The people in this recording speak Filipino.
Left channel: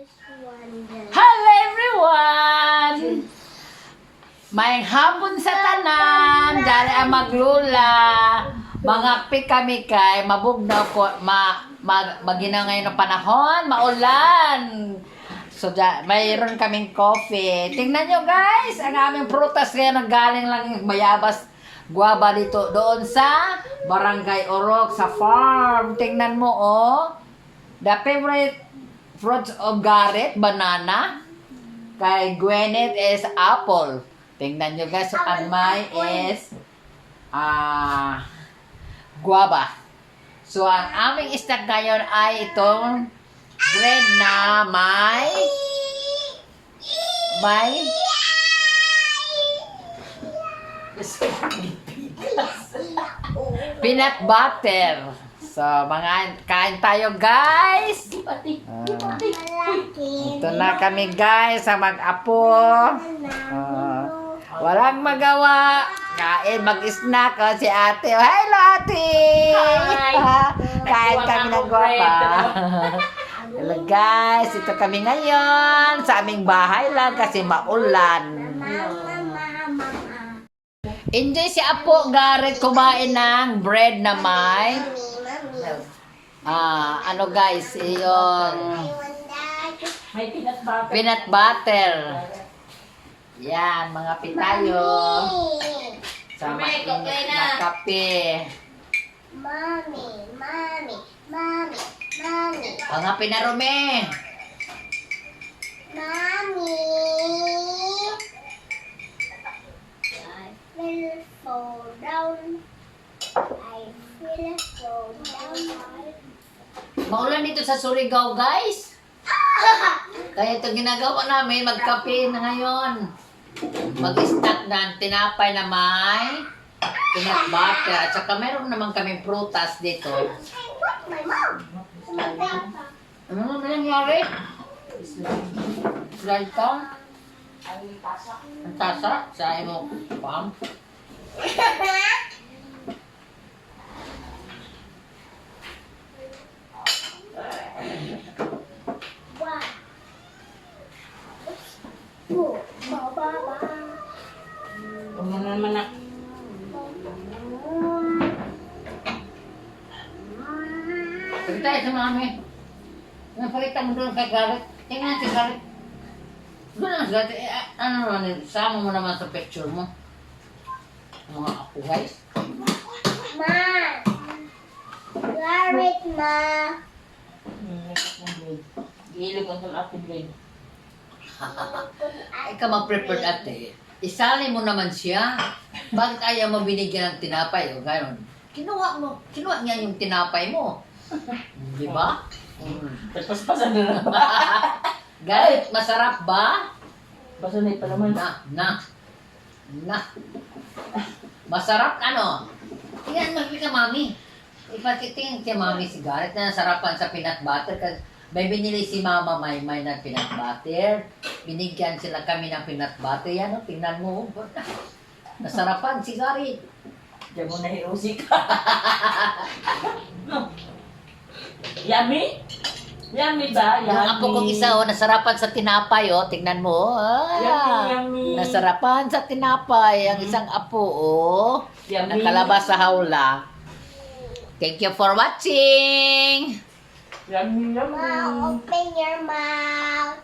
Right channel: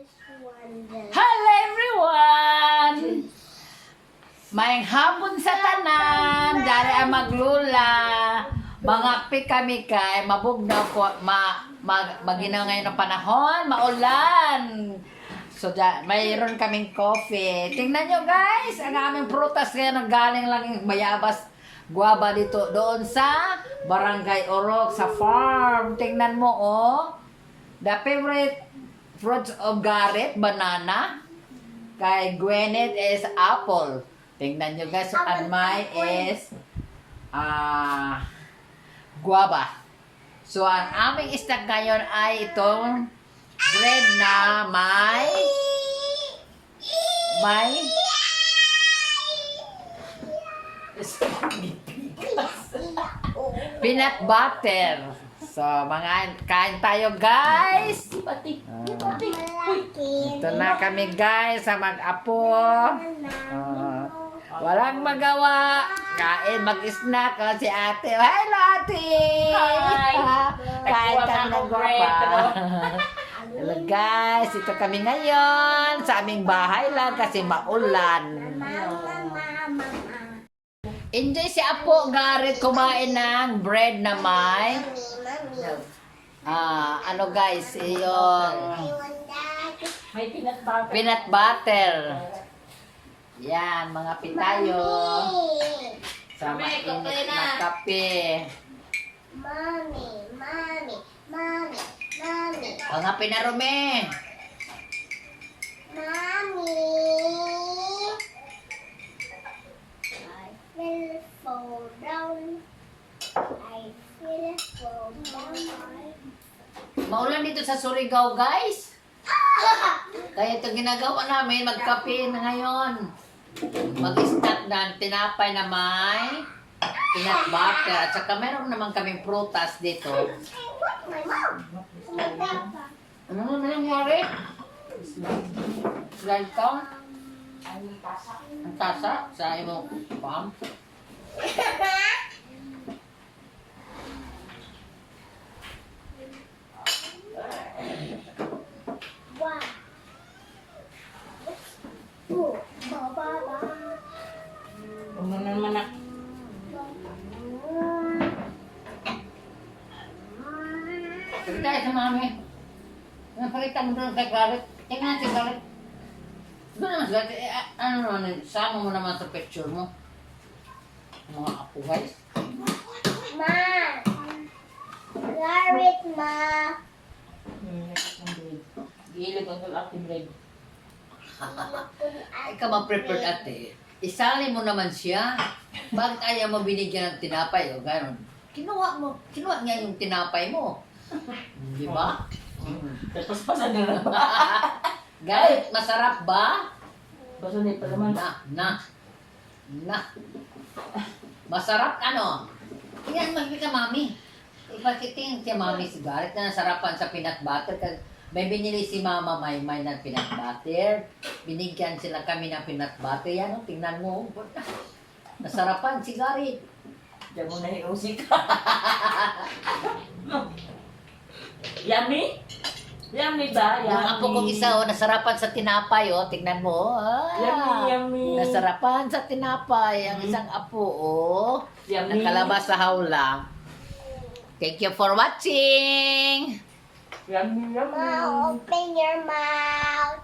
Hello everyone! May hapon sa tanan, dali ang maglula. Mangakpi kami kay mabugnaw ko, maginaw ngayon ng panahon, maulan. So, mayroon kaming coffee. Tingnan nyo guys, ang aming prutas ngayon galing lang yung bayabas guava dito doon sa Barangay Orok sa farm. Tingnan mo oh. The favorite fruits of Garrett, banana. Kay Gwyneth is apple. Tingnan nyo guys, ang may is guava. So, ang aming snack ngayon ay itong bread na may peanut butter. So, mga kain tayo guys. Ito na kami guys sa mag-apo. Walang magawa. Kain, mag-snack si ate. Hello ate! Hi! Kain kami ng guwapa. Hello guys, ito kami ngayon sa aming bahay lang kasi maulan. Enjoy si Apo Garrett kumain ng bread na may ano guys, yung May peanut butter. peanut butter. Yan, mga pitayo. Sa mainit na kape. Mommy. Mga pinarumi. Mommy. I will fall down. I will fall down. Maulan dito sa Surigao guys. Kaya ito ginagawa namin, magkape na ngayon. Mag-snack na tinapay na may peanut butter. At saka meron naman kaming prutas dito. My mom. Ano naman nangyari? Slide ka? Ang tasa sa imo pam? One. Two. Ba. Huwag mo na naman na. Sabi tayo sa mami. Napakita mo doon kay Garrett. Tingnan si Garrett. Doon naman Garrett. Ano naman, sama mo naman sa picture mo. Mga apo guys. Ma. Garrett, ma. Gilip ang ating blade. Ikaw mag-prepared ate. Isali mo naman siya. Bakit ayaw mo binigyan ng tinapay o gano'n? Kinuha niya yung tinapay mo. Di ba? Tapos pasan na naman. Garrett, masarap ba? Pasanay pa naman. Na. Masarap ano? Yan, magbi ka mami. Ipakitingin kay mami si Garrett na nasarapan sa peanut butter. Kasi may binili si Mama Maymay ng peanut butter. Binigyan sila kami ng peanut butter. Yan, oh, tingnan mo. Nasarapan si Garrett. Diyan mo na hiusik. Yummy? Yummy ba? Yummy. Yung apo kong isa, oh, nasarapan sa tinapay, oh. Tingnan mo, Yummy. Nasarapan sa tinapay. Ang isang apo, oh. Yummy. Nakalabas sa hawla. Thank you for watching! Yummy. Ma, open your mouth.